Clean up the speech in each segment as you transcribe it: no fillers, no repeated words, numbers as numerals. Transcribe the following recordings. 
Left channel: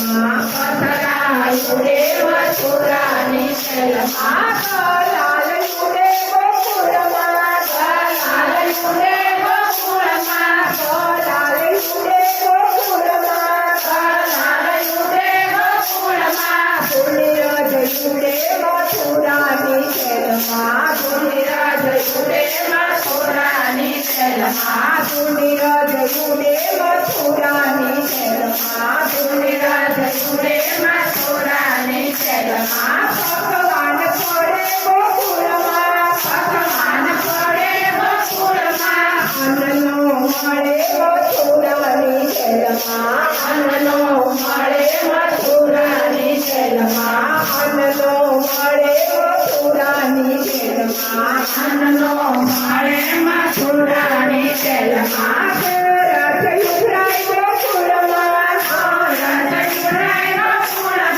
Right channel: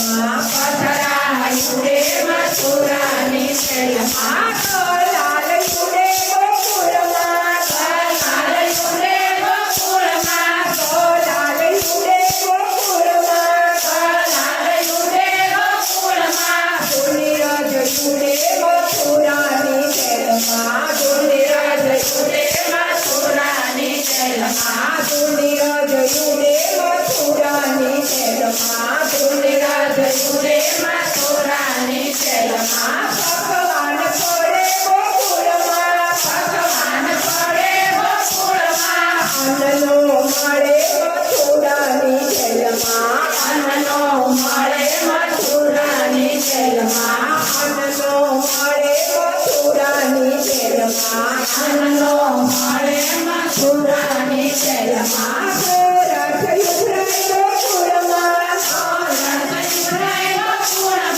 જેલમાં પથરાયું રે મથુરાની જેલમાં લાલયું રે ગોકુળમાં લાલયું રે ગોકુળમાં લાલયું રે ગોકુળમાં લાલયું રે ગોકુળમાં ગુણિરાજ યુરે મથુરાની જેલમાં ગુણિરાજ યુરે મથુરાની જેલમાં ગુણિરાજ યુરે મથુરાની જેલમાં ગુણિરાજ યુરે મથુરાની જેલમાં ભગવાન પડે ગોકુળમાં ભગવાન પડે ગોકુળમાં અન્નનો મળે મથુરાની જેલમાં અન્નનો મળે મથુરાની જેલમાં અન્નનો મળે મથુરાની જેલમાં અન્નનો મળે મથુરાની જેલમાં રથ યુવરાય ગોકુળમાં રથ યુવરાય ગોકુળમાં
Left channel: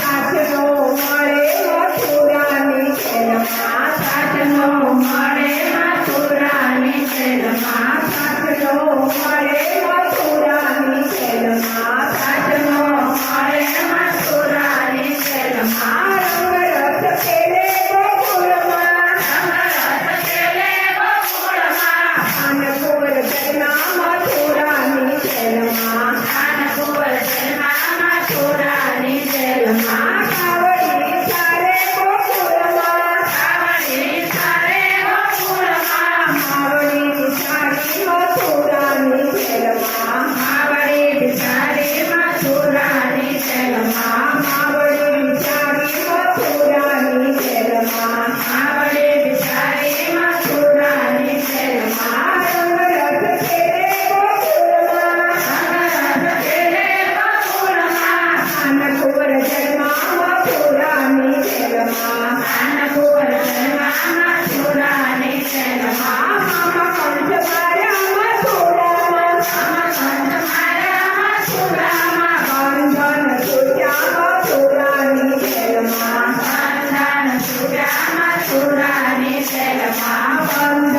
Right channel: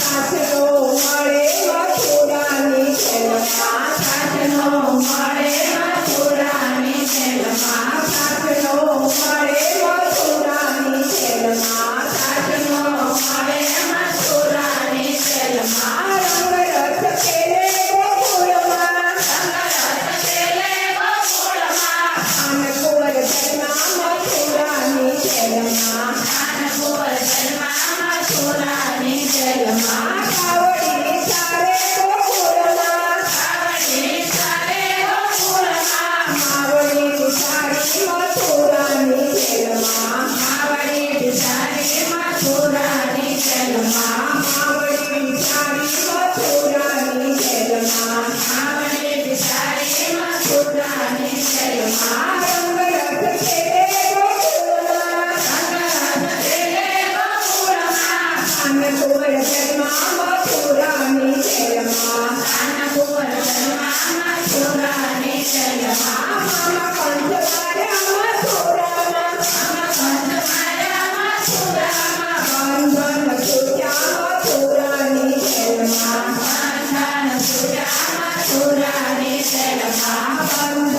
સાચનો મળે મથુરાની જેલમાં સાચનો મળે મથુરાની જેલમાં સાચનો મળે મથુરાની જેલમાં સાચનો મળે મથુરાની જેલમાં રંગરથ ખેલે ગોકુળમાં રંગરથ ખેલે ગોકુળમાં અનકોર જન્મા મથુરાની જેલમાં અનકોર જન્મા મથુરાની જેલમાં કાવડી સારે ગોકુળમાં કાવડી સારે ગોકુળમાં માવડી બિચારી મથુરાની જેલમાં માવડી બિચારી મથુરાની જેલમાં માવડી બિચારી મથુરાની જેલમાં માવડી બિચારી મથુરાની જેલમાં રંગરથ ખેલે ગોકુળમાં રંગરથ ખેલે ગોકુળમાં અનકોર જન્મા મથુરાની જેલમાં અનકોર જન્મા મથુરાની જેલમાં મામા કંઠ માર્યા મથુરામાં મામા કંઠ માર્યા મથુરામાં બંધન છૂટ્યા મથુરાની જેલમાં બંધન છૂટ્યા મથુરાની જેલમાં